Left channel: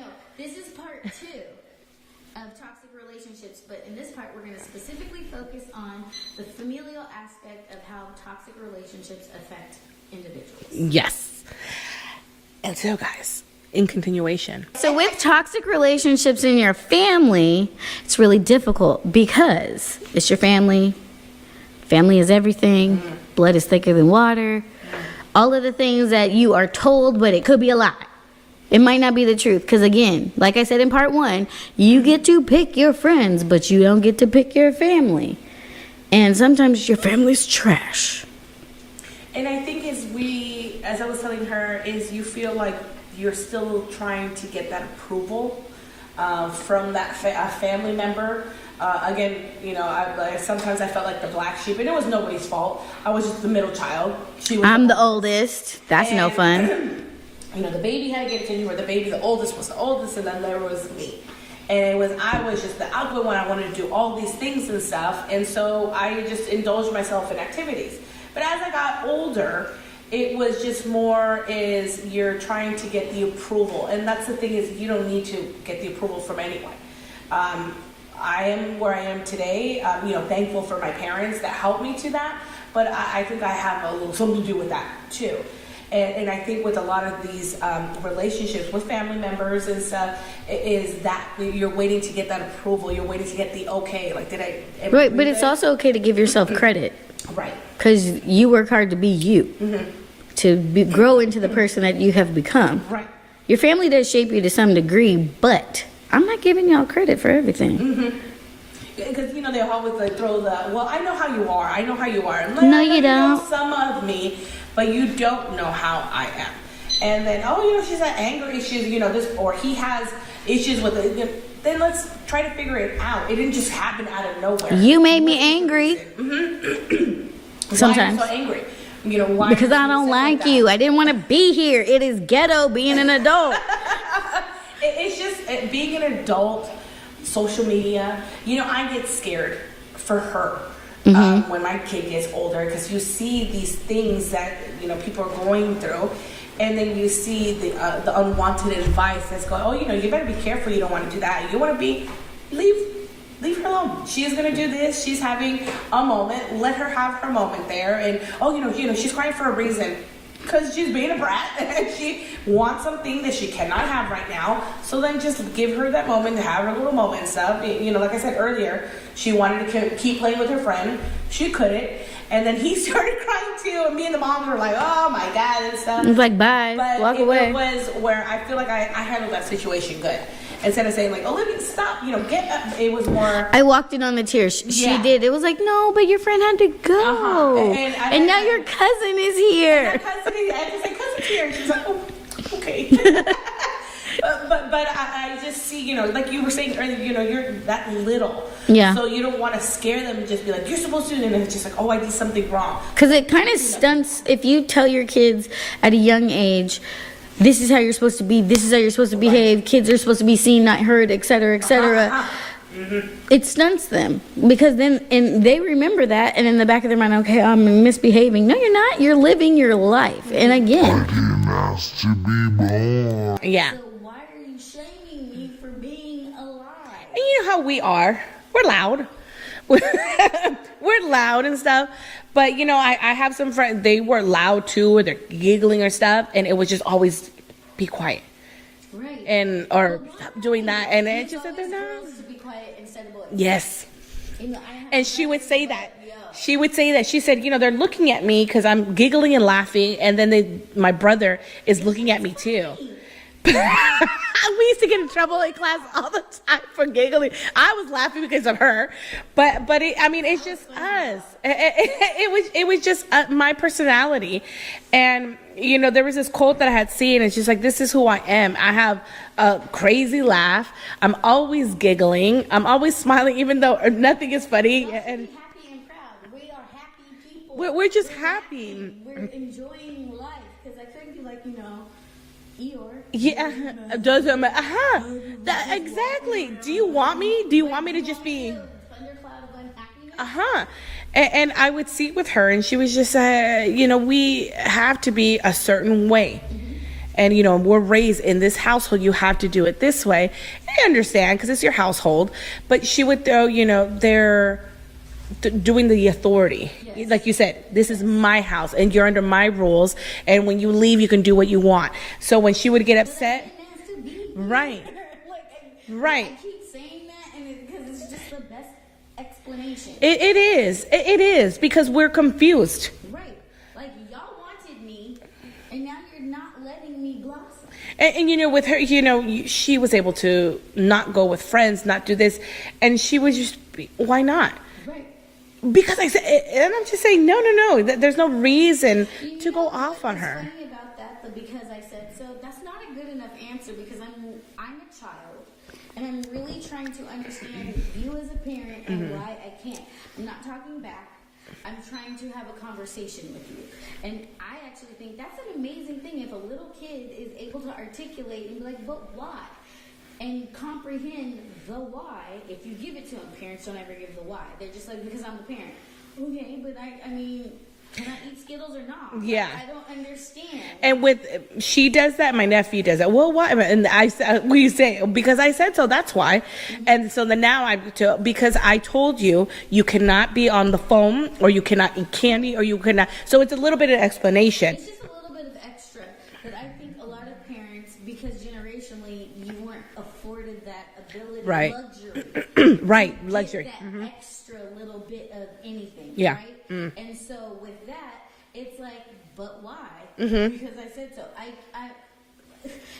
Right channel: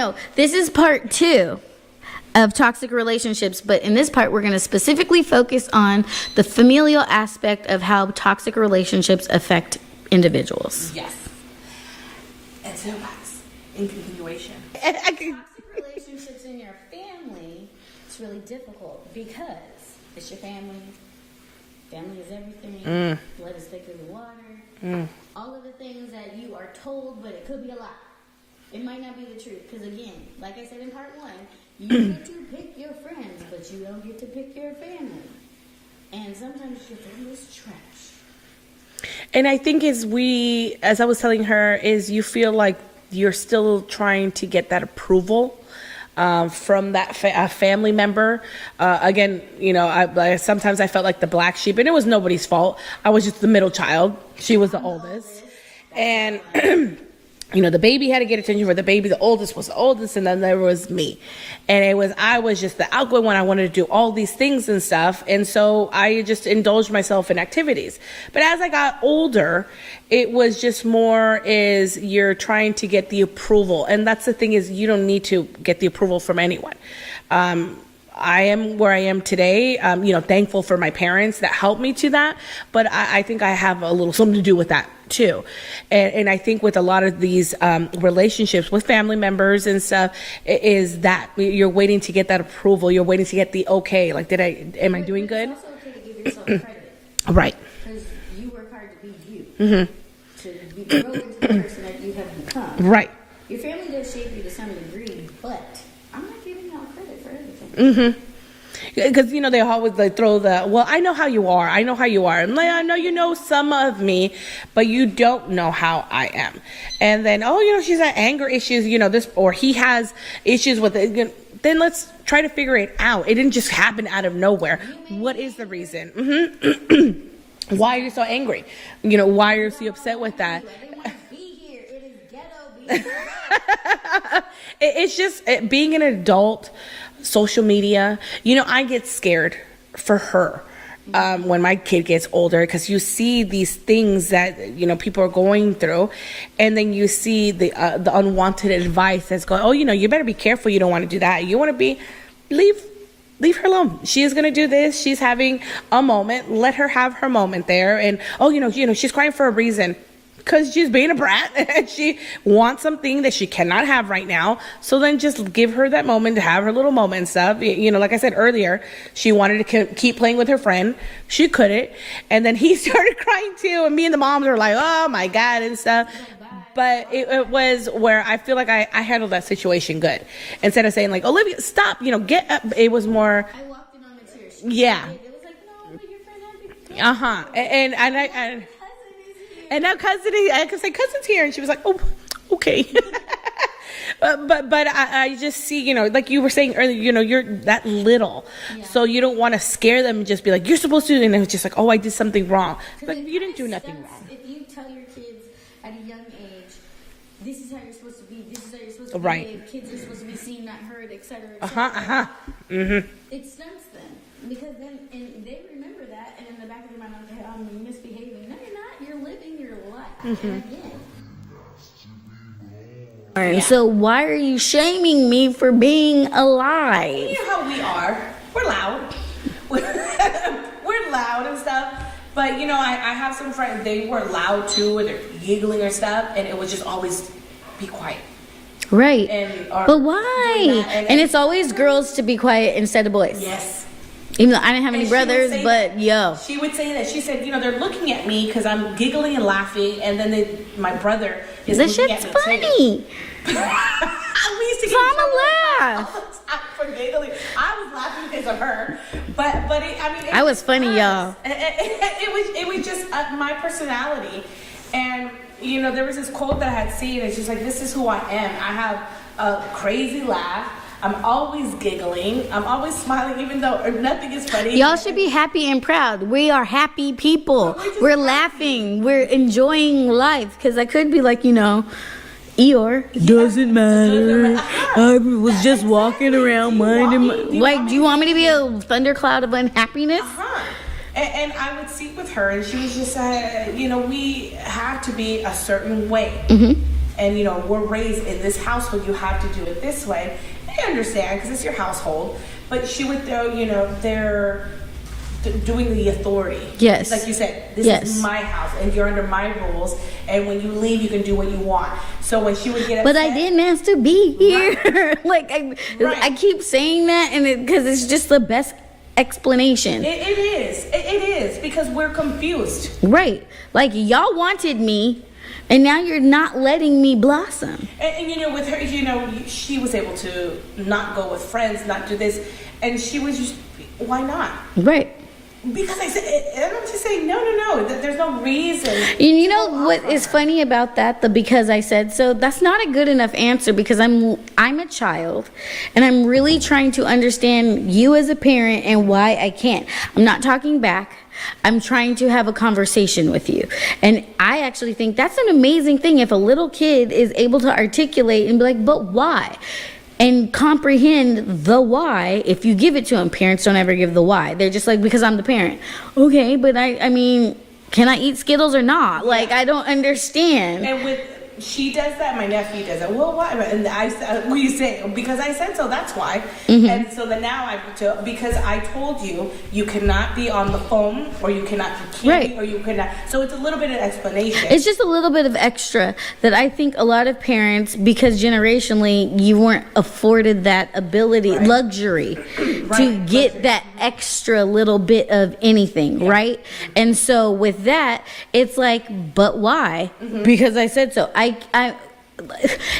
know. This is part 2 of toxic relationships, but in this part we're going to specifically focus on the familial aspect of how toxic relationships affect individuals. Yes. And so, guys, in continuation. So with toxic relationships in your family, it's really difficult because it's your family. Family is everything. Blood is thicker than water. All of the things that you are told, but it could be a lie. It might not be the truth. Because again, like I said in part 1, you get to pick your friends, but you don't get to pick your family. And sometimes your family's trash. And I think as I was telling her, is you feel like you're still trying to get that approval from that family member. Again, you know, sometimes I felt like the black sheep, and it was nobody's fault. I was just the middle child. I'm the oldest. That's no fun. You know, the baby had to get attention for the oldest was the oldest, and then there was me. And I was just the outgoing one. I wanted to do all these things and stuff. And so I just indulged myself in activities. But as I got older, it was just more is you're trying to get the approval. And that's the thing is you don't need to get the approval from anyone. I am where I am today, you know, thankful for my parents that helped me to that. But I think I have a little something to do with that too. And I think with a lot of these relationships with family members and stuff, is that you're waiting to get that approval. You're waiting to get the okay. Like, am I doing but good? it's also okay to give yourself credit. Right. Because you work hard to be you. To grow into the person that you have become. Right. Your family does shape you to some degree, but I'm not giving y'all credit for everything. Because, you know, they always throw well, I know how you are. I know how you are. And like, No, I know you you know don't. some of me, but you don't know how I am. And then, you know, she's had anger issues, you know, or he has issues with it. Then let's try to figure it out. It didn't just happen out of nowhere. You made What me is the angry. reason? Why are Sometimes. you so angry? You know, why? Because I don't like you. I didn't want to be here. It is ghetto being an adult. It's just being an adult, social media. You know, I get scared for her when my kid gets older, because you see these things that, you know, people are going through, and then you see the unwanted advice that's going, oh, you know, you better be careful. You don't want to do that. You want to leave her alone. She's gonna do this. She's having a moment. Let her have her moment there. And you know, she's crying for a reason, because she's being a brat and she wants something that she cannot have right now. So then just give her that moment to have her little moment and stuff. You know, like I said earlier, she wanted to keep playing with her friend. She couldn't. And then he started crying too. And me and the moms were like, oh my God, and stuff. It was like, bye. But Walk it away. was where I feel like I handled that situation good. Instead of saying like, Olivia, stop, you know, get up. It was more. I walked in on the tears. She did. It was like, no, but your friend had to go. And now your cousin is here. And that cousin is, I could say cousin's here. And she was like, oh, okay. But I just see, you know, like you were saying earlier, you know, you're that little. Yeah. So you don't want to scare them and just be like, you're supposed to, and it's just like, oh, I did something wrong. Because it kind of stunts if you tell your kids at a young age, this is how you're supposed to be, this is how you're supposed to behave, kids are supposed to be seen, not heard, etc., etc. It stunts them, because then they remember that, and in the back of their mind, okay, I'm misbehaving. No, you're not. You're living your life. And again, to be born. Yeah. so why are you shaming me for being alive? And you know how we are. We're loud. We're loud and stuff. But, you know, I have some friends, they were loud too, or they're giggling or stuff, and it was just always be quiet. Right. But why? Doing that, and it's always girls to be quiet instead of boys. Yes. Even though I didn't have any And she would brothers, say but that. yo. She would say that. She said, you know, they're looking at me because I'm giggling and laughing, and then my brother is This looking at shit's me funny. too. We used to get in It's trouble in all class laugh. all the time for giggling. I was laughing because of her, but it's I was just funny, us. y'all. It was just my personality, and you know, there was this quote that I had seen, and she's like, "This is who I am. I have a crazy laugh. I'm always giggling. I'm always smiling, even though nothing is funny." Y'all should be happy and proud. We are happy people. We're just We're happy. laughing. We're enjoying life. Because I could be like, you know, Eeyore. Yeah. Doesn't matter. Doesn't matter. I was just walking Exactly. around Do you want minding me- my... do you Like, want me do you to want me to be a just- thundercloud of unhappiness? And I would see with her, and she was just, you know, we have to be a certain way. and we're raised in this household, you have to do it this way. I understand because it's your household, but she would throw they're doing the authority. Yes. Like you said, this Yes. is my house and you're under my rules, and when you leave you can do what you want. So when she would get upset, But I didn't ask to be here. Like Right. I keep saying that, and because it's just the best explanation. it is because we're confused. Right. Like y'all wanted me, and now you're not letting me blossom. And with her, she was able to not go with friends, not do this, and she was just, why not? Right. Because I said, and I'm just saying, no, there's no reason. You to know go off what on is her. funny about that? The because I said so, that's not a good enough answer, because I'm a child and I'm really trying to understand you as a parent and why I can't. I'm not talking back. I'm trying to have a conversation with you. And I actually think that's an amazing thing if a little kid is able to articulate and be like, but why? And comprehend the why. If you give it to them, parents don't ever give the why. They're just like, because I'm the parent. Okay, but I mean, can I eat Skittles or not? Like, Yeah. I don't understand. And she does that, my nephew does that. Well, why? And I said, we say, because I said so, that's why. Mm-hmm. And so then now because I told you, you cannot be on the phone, or you cannot eat candy, Right. or you cannot. So it's a little bit of explanation. It's just a little bit of extra that I think a lot of parents, because generationally you weren't afforded that ability, Right. luxury, Right, to get luxury. that extra little bit of anything, Yeah. right? And so with that, it's like, but why? Because I said so.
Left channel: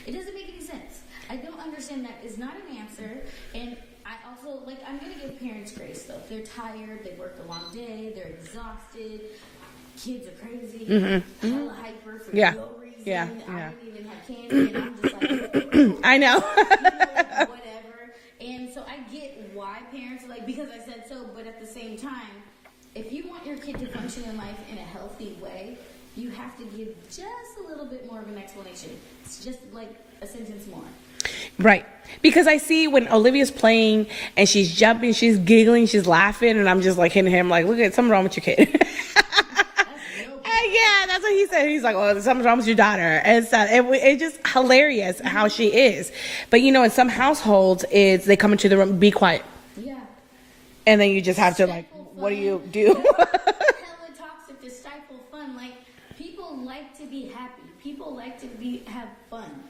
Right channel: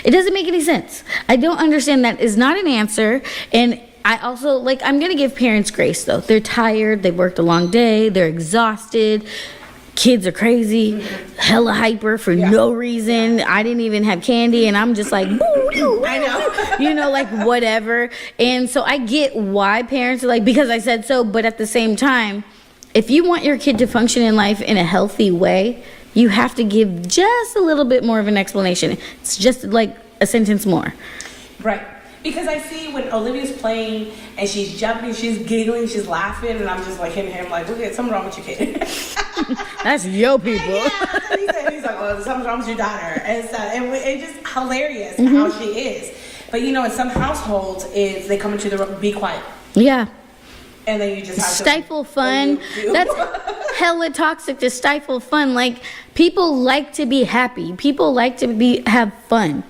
It doesn't make any sense. I don't understand. That is not an answer. And I also, like, I'm going to give parents grace, though. They're tired. They've worked a long day. They're exhausted. Kids are crazy, hella hyper for Yeah. no reason. Yeah. I didn't even have candy, and I'm just like, I know. like whatever. And so I get why parents are like, because I said so. But at the same time, if you want your kid to function in life in a healthy way, you have to give just a little bit more of an explanation. It's just like a sentence more. Right. Because I see when Olivia's playing and she's jumping, she's giggling, she's laughing, and I'm just like hitting him like, look, at something wrong with your kid. That's yo people. Yeah, that's what he said. He's like, oh, something's wrong with your daughter. And so it's just hilarious how she is. But in some households, they come into the room, be quiet. Yeah. And then you just have to Stifle fun. what do you do? That's hella toxic to stifle fun. Like, people like to be happy. People like to have fun.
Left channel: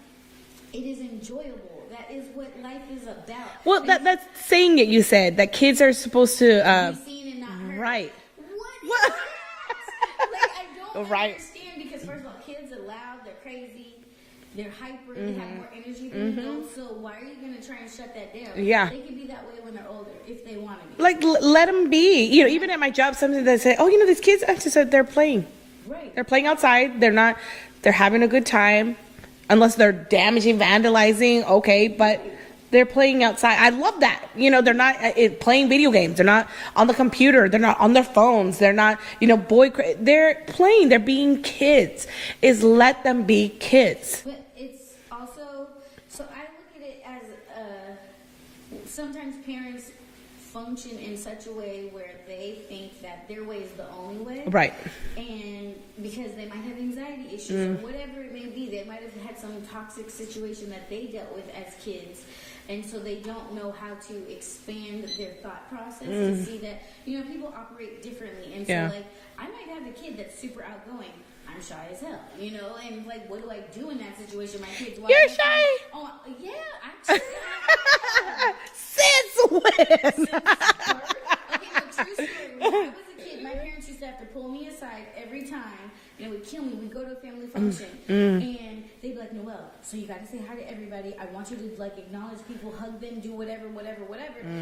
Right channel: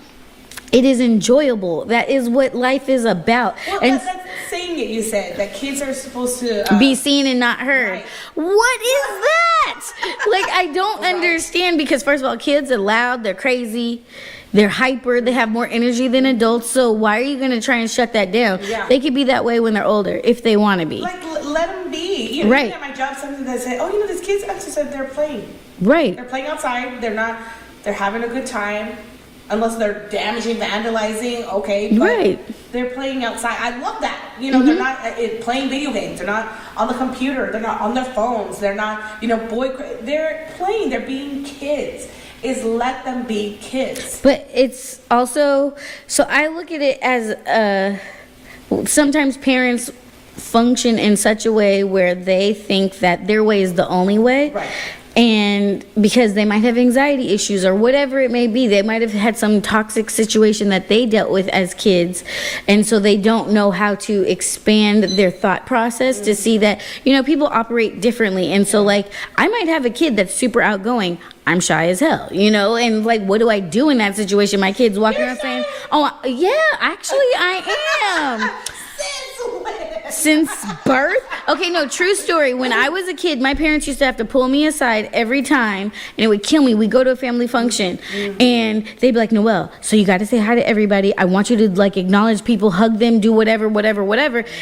It is enjoyable. That is what life is about. Well, And that's saying it. You said that kids are supposed to be seen and not heard. Right. What is that? Like, I don't Right. understand, because first of all, kids are loud, they're crazy, they're hyper, they have more energy than adults. So why are you going to try and shut that down? Yeah. They could be that way when they're older if they want to be. like let them be. Right. Even at my job, something that say, oh, these kids. I just said they're playing. Right. They're playing outside. They're having a good time. Unless they're damaging, vandalizing, okay, but Right. they're playing outside. I love that. They're not playing video games. They're not on the computer. They're not on their phones. They're not, they're playing. They're being kids. Let them be kids. But it's also, so I look at it as sometimes parents function in such a way where they think that their way is the only way. Right. And because they might have anxiety issues or whatever it may be, they might have had some toxic situation that they dealt with as kids. And so they don't know how to expand their thought process to see that, people operate differently. And so, Yeah. like, I might have a kid that's super outgoing. I'm shy as hell, and like, what do I do in that situation? My kid's walking You're around saying, shy. oh, yeah, actually, I am. Since when? Since birth? Okay, no, true story. When I was a kid, my parents used to have to pull me aside every time, and it would kill me. We'd go to a family function, and they'd be like, Noelle, so you got to say hi to everybody. I want you to, like, acknowledge people, hug them, do whatever.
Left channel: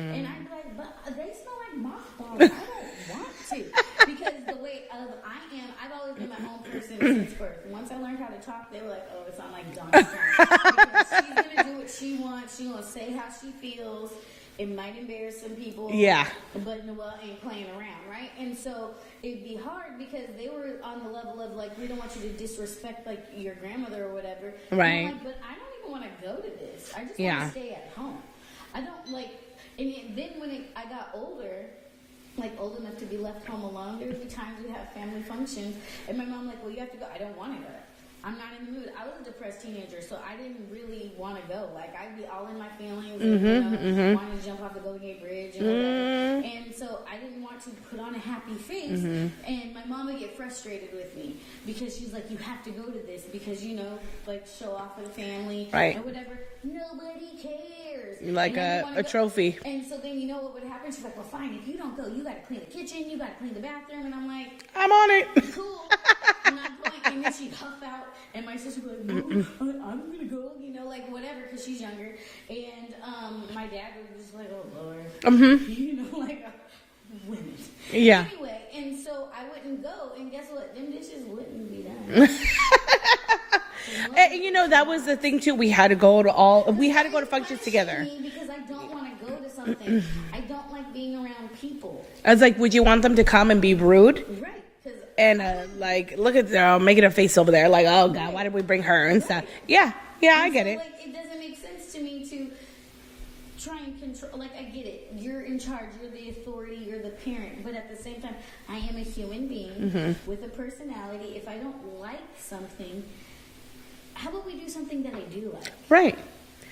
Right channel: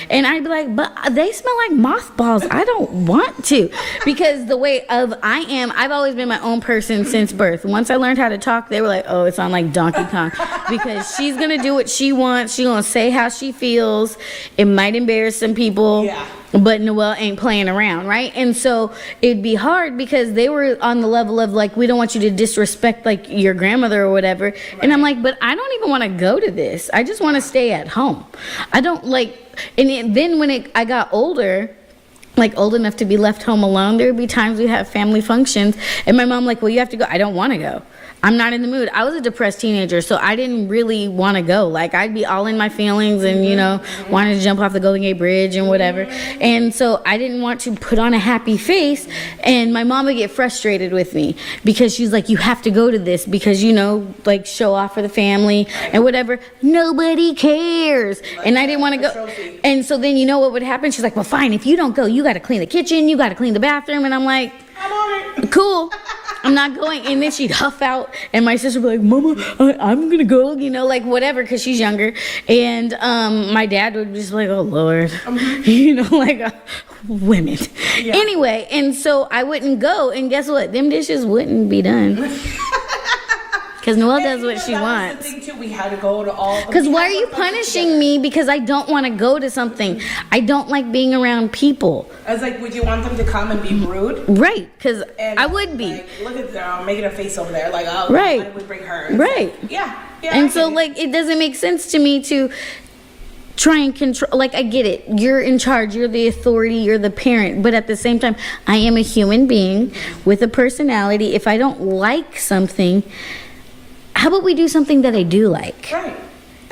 And I'd be like, but they smell like mothballs. I don't want to. Because the way of I am, I've always been my own person since birth. Once I learned how to talk, they were like, oh, it's on like Donkey Kong. Because she's going to do what she wants. She's going to say how she feels. It might embarrass some people. Yeah. But Noelle ain't playing around, right? And so it'd be hard because they were on the level of like, we don't want you to disrespect like your grandmother or whatever. And I'm Right. like, but I don't even want to go to this. I just want to Yeah. stay at home. I don't like, then when I got older, like old enough to be left home alone, there would be times we'd have family functions and my mom like, well, you have to go. I don't want to go. I'm not in the mood. I was a depressed teenager, so I didn't really want to go. Like, I'd be all in my feelings and, you know, wanted to jump off the Golden Gate Bridge and whatever. And so I didn't want to put on a happy face. And my mom would get frustrated with me because she's like, you have to go to this because, you know, like, show off for the family and whatever. Nobody cares. Like and I didn't want to go. Trophy. And so then, you know what would happen? She's like, well, fine. If you don't go, you got to clean the kitchen. You got to clean the bathroom. And I'm like, I'm on it. Cool. I'm not going. And then she'd huff out, and my sister would be like, Mama, I'm gonna go, you know, like whatever, because she's younger. And my dad would be just like, oh Lord, you know, like women. Yeah. Anyway, and so I wouldn't go, and guess what? Them dishes wouldn't be done. Because Noelle does what she that wants. was the thing too. We had to go to all. Because why are you punishing me? Because I don't want to go to something. I don't like being around people. I was like, would you want them to come and be rude? Right, because And I would be. like, look at them making a face over there, like, oh, Right. why did we bring her? And Right. stuff. Yeah, yeah. And I so, get it. like, it doesn't make sense to me to try and control. Like, I get it. You're in charge. You're the authority. You're the parent. But at the same time, I am a human being with a personality. If I don't like something, how about we do something that I do like? right.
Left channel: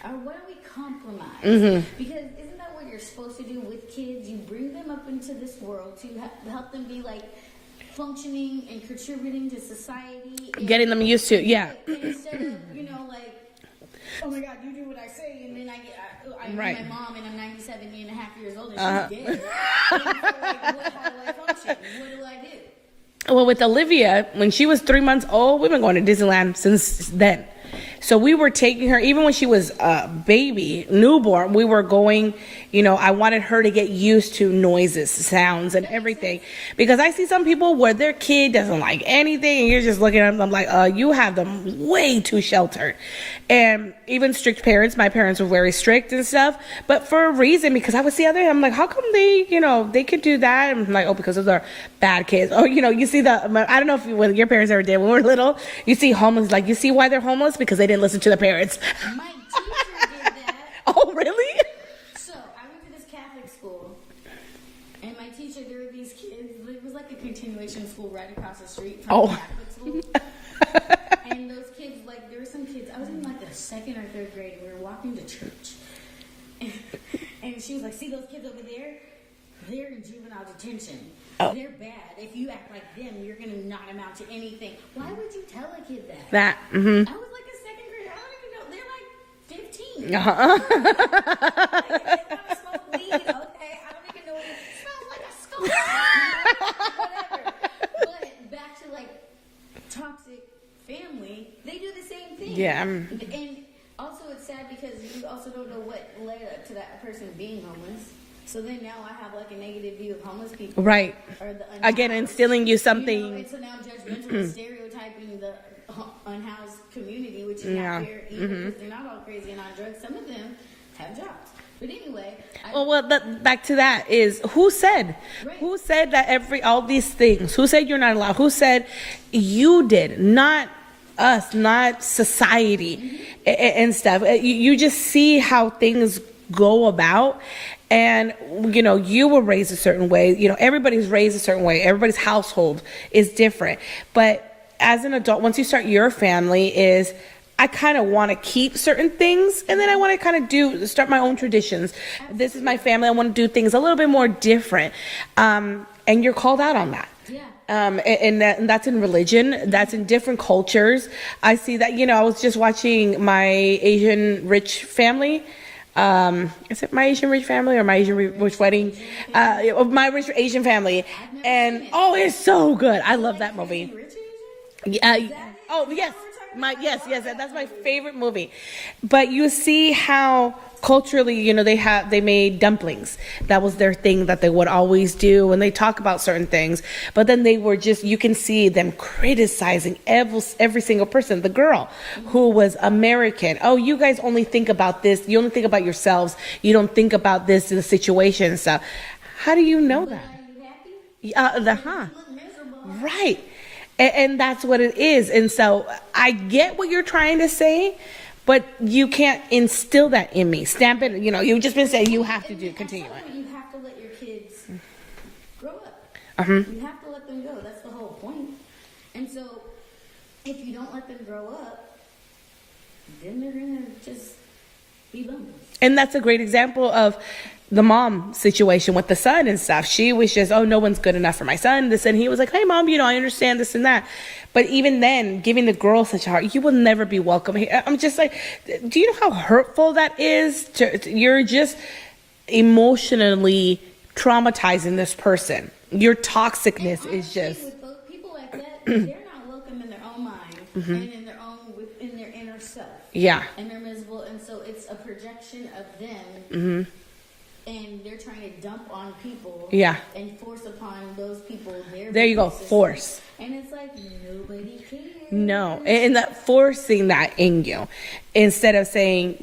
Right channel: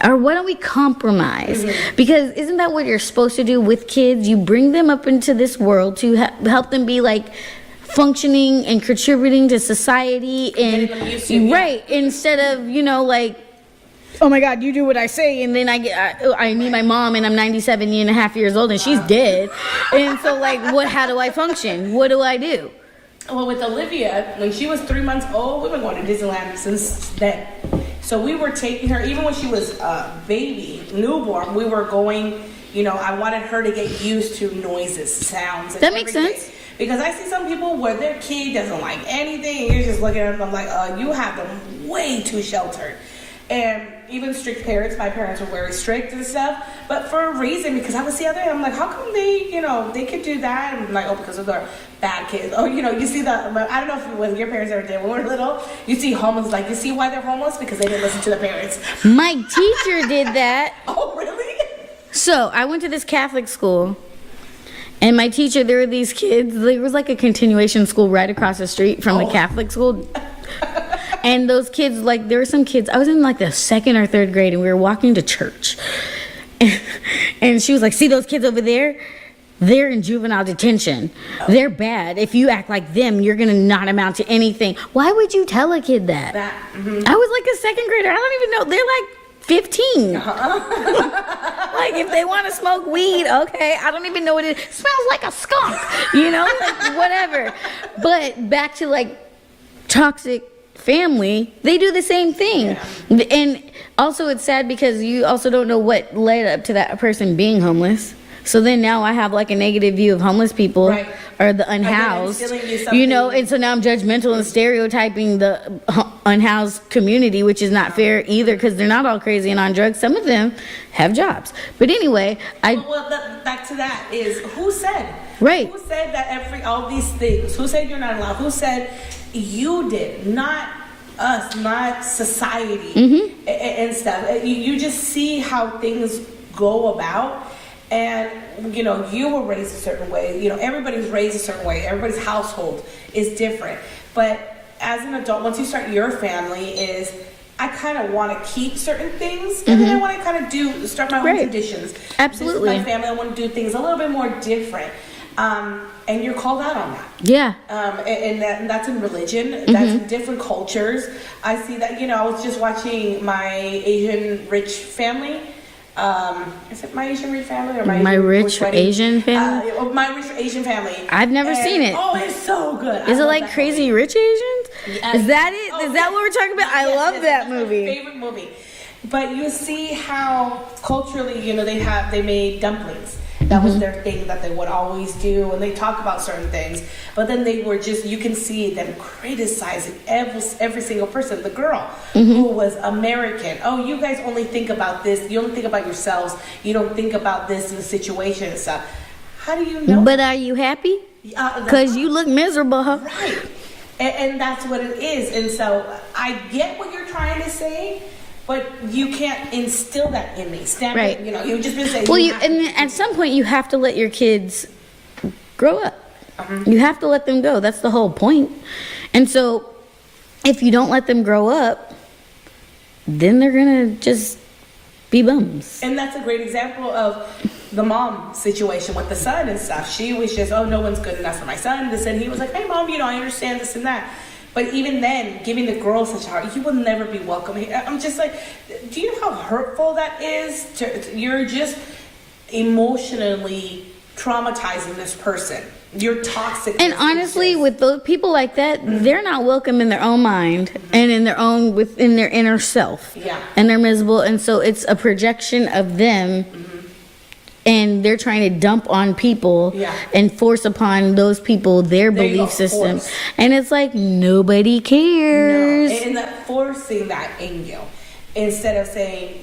Or why don't we compromise? Because isn't that what you're supposed to do with kids? You bring them up into this world to help them be like functioning and contributing to society and Getting them used to, yeah. right, instead of, you know, like, oh my God, you do what I say, and then I meet my mom, and I'm 97 and a half years old, and she's dead, and so like, how do I function? What do I do? Well, with Olivia, when she was 3 months old, we've been going to Disneyland since then. So we were taking her, even when she was a baby, newborn, we were going, you know, I wanted her to get used to noises, sounds, and That makes everything. sense. Because I see some people where their kid doesn't like anything, and you're just looking at them like, you have them way too sheltered. And even strict parents, my parents were very strict and stuff, but for a reason, because I would see other, I'm like, how come they, you know, they could do that? And I'm like, oh, because of their bad kids. Oh, you know, you see I don't know if when your parents ever did, when we were little, you see homeless, like, you see why they're homeless? Because they didn't listen to their parents. My teacher did that. Oh, really? So I went to this Catholic school, and my teacher, there were these kids. There was like a continuation school right across the street from the Catholic school. And those kids, like, there were some kids, I was in like the 2nd or 3rd grade, and we were walking to church. And she was like, see those kids over there? They're in juvenile detention. They're bad. If you act like them, you're going to not amount to anything. Why would you tell a kid that? That, I was like a 2nd grader. I don't even know. They're like 15. Like, if they want to smoke weed, okay. I don't even know what it smells like a skunk, you know, like whatever. But back to like toxic family, they do the same thing. Yeah. And also it's sad because you also don't know what led up to that person being homeless. So then now I have like a negative view of homeless people, Right. or the unhoused. Again, instilling you something. You know, and so now I'm judgmental and stereotyping the unhoused community, which is not fair either, because they're not all crazy and on drugs. Some of them have jobs. But anyway, back to that is, who said? Right. Who said that all these things? Who said you're not allowed? Who said you did? Not us, not society and stuff. You just see how things go about. And, you know, you were raised a certain way. You know, everybody's raised a certain way. Everybody's household is different. But as an adult, once you start your family, is I kind of want to keep certain things, and then I want to kind of start my own traditions. Absolutely. This is my family. I want to do things a little bit more different. And you're called out on that. yeah. And that's in religion. That's in different cultures. I see that, you know, I was just watching my Asian rich family. Is it My Asian Rich Family or My Rich Wedding? Asian Family? My Rich Asian Family. I've never seen it. Oh, it's so good. Is it like Crazy Rich Asians? Yeah. Is that it? Oh, Is that what we're talking about? I love that that's movie. my favorite movie. But you see how culturally, you know, they made dumplings. That was their thing that they would always do, and they talk about certain things. But then they were just, you can see them criticizing every single person. The girl who was American. Oh, you guys only think about this. You only think about yourselves. You don't think about this in the situation and stuff. How do you know? But are you happy? Because you look miserable, huh? Right. And that's what it is. And so I get what you're trying to say, but you can't instill that in me. Stamp Right. it. You know, you've just been saying. Well, you have to and do at something. some point you have to let your kids grow up. You have to let them go. That's the whole point. And so if you don't let them grow up, then they're gonna just be bums. And that's a great example of the mom situation with the son and stuff. She was just, oh, no one's good enough for my son. This, and he was like, hey, mom, I understand this and that. But even then, giving the girl such a heart, you will never be welcome here. I'm just like, do you know how hurtful that is? You're just emotionally traumatizing this person. You're toxic. And honestly, with those people like that, they're not welcome in their own mind and in their own within their inner self. Yeah. And they're miserable, and so it's a projection of them. And they're trying to dump on people and force upon those people their belief system. Force. And it's like nobody cares. No, and that forcing that in you. Instead of saying,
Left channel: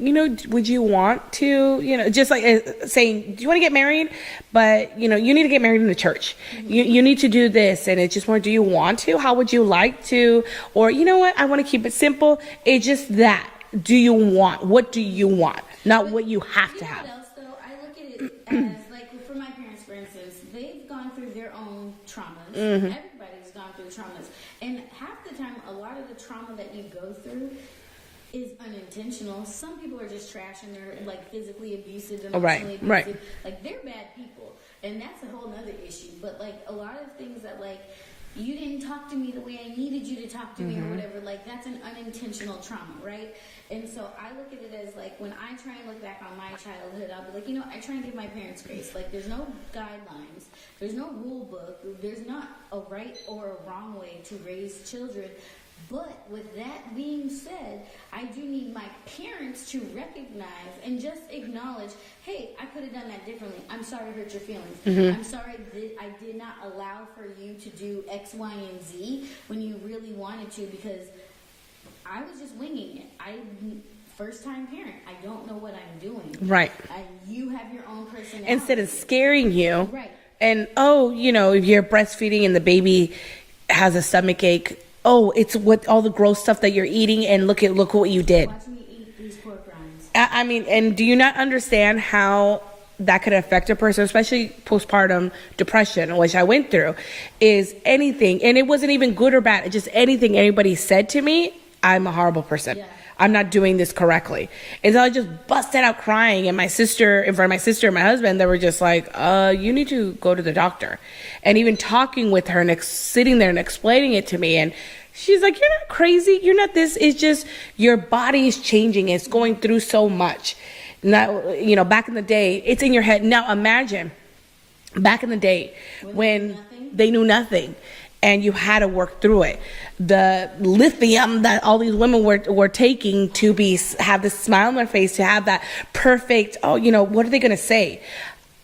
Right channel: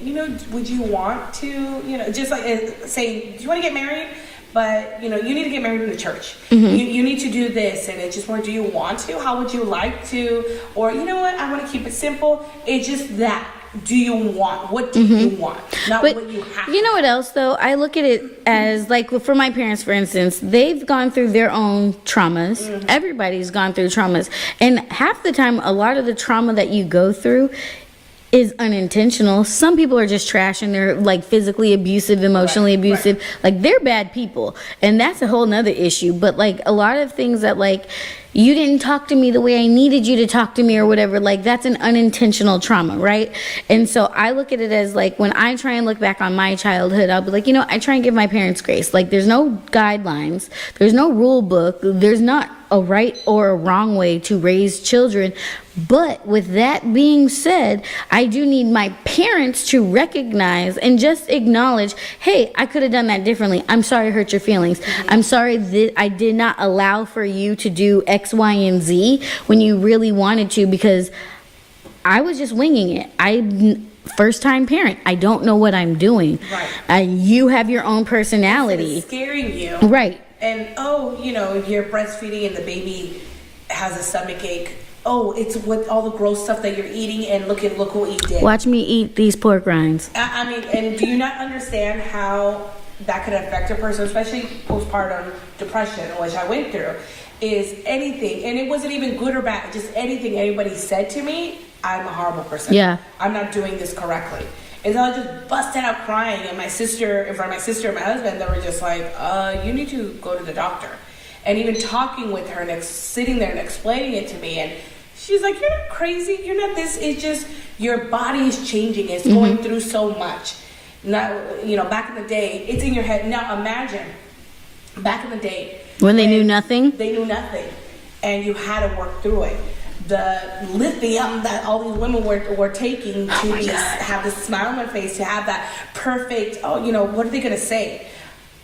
would you want to, just like saying, do you want to get married? But, you need to get married in the church. You need to do this. And it's just more, do you want to? How would you like to? Or, you know what? I want to keep it simple. It's just that. Do you want? What do you want? Not what you have to. You know what else, though? I look at it as, like, for my parents, for instance, they've gone through their own traumas. Everybody's gone through traumas. And half the time, a lot of the trauma that you go through is unintentional. Some people are just trash and they're like physically abusive, emotionally abusive. Like they're bad people. And that's a whole nother issue. But like a lot of things that like, you didn't talk to me the way I needed you to talk to me or whatever, like that's an unintentional trauma, right? And so I look at it as like when I try and look back on my childhood, I'll be like, I try and give my parents grace. Like there's no guidelines, there's no rule book, there's not a right or a wrong way to raise children. But with that being said, I do need my parents to recognize and just acknowledge, hey, I could have done that differently. I'm sorry I hurt your feelings. I'm sorry that I did not allow for you to do X, Y, and Z when you really wanted to, because I was just winging it. First time parent, I don't know what I'm doing. Right. You have your own personality. Instead of scaring you. Right. And if you're breastfeeding and the baby has a stomach ache, it's what all the gross stuff that you're eating, and look what you did. Watch me eat these pork rinds. I mean, and do you not understand how that could affect a person, especially postpartum depression, which I went through, is anything, and it wasn't even good or bad, just anything anybody said to me, I'm a horrible person. Yeah. I'm not doing this correctly. And so I just busted out crying, and my sister and my husband, they were just like, you need to go to the doctor. And even talking with her and sitting there and explaining it to me, and she's like, you're not crazy, you're not this, it's just your body is changing, it's going through so much. Now, back in the day, it's in your head. Now imagine, back in the day. When they knew nothing? They knew nothing, and you had to work through it. The lithium that all these women were taking to have this smile on their face, to have that perfect, what are they going to say?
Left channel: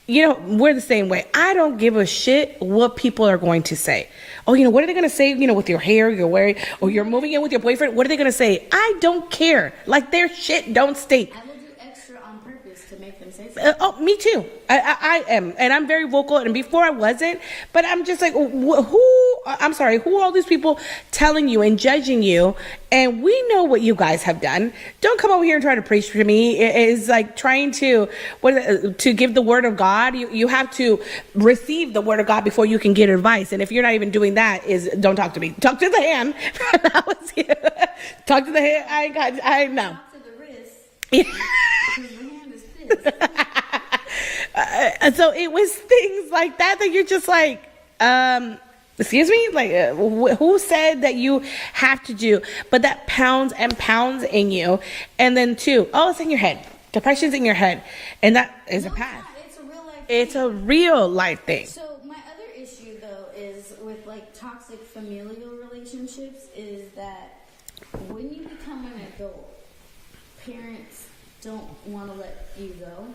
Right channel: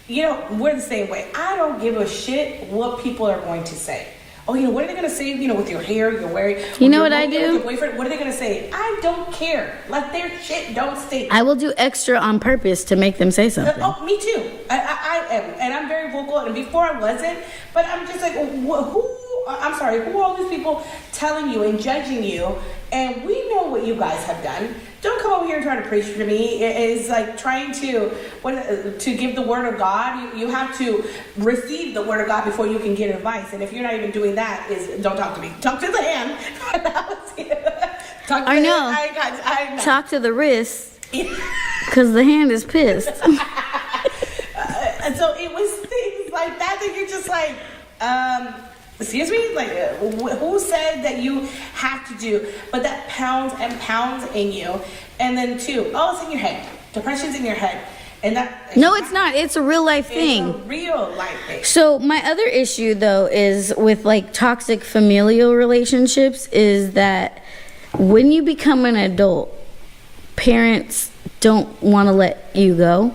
We're the same way. I don't give a shit what people are going to say. What are they going to say, with your hair, you're wearing, with your boyfriend, what are they going to say? I don't care. Like, their shit don't stink. I will do extra on purpose to make them say something. Me too. I am. And I'm very vocal. And before I wasn't. But I'm just like, who are all these people telling you and judging you? And we know what you guys have done. Don't come over here and try to preach to me. It's like trying to give the word of God. You have to receive the word of God before you can get advice. And if you're not even doing that, don't talk to me. Talk to the hand. That was you. Talk to the hand. I know. Talk to the wrist. Because the hand is pissed. And so it was things like that you're just like, excuse me? Like, who said that you have to do? But that pounds and pounds in you. And then it's in your head. Depression's in your head. And no, it's not. It's a real life thing. It's a real life thing. So my other issue, though, is with like toxic familial relationships, is that when you become an adult, parents don't want to let you go.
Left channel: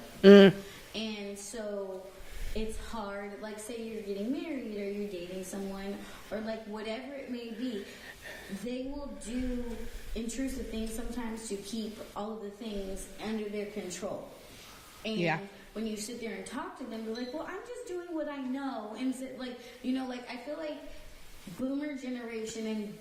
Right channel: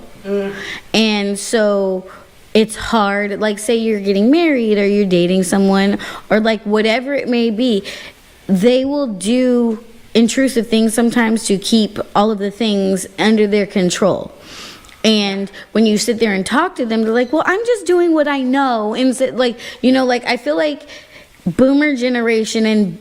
And so it's hard, like say you're getting married or you're dating someone or like whatever it may be, they will do intrusive things sometimes to keep all of the things under their control. And when you sit there and talk to them, they're like, well, I'm just doing what I know. And so, like, I feel like boomer generation and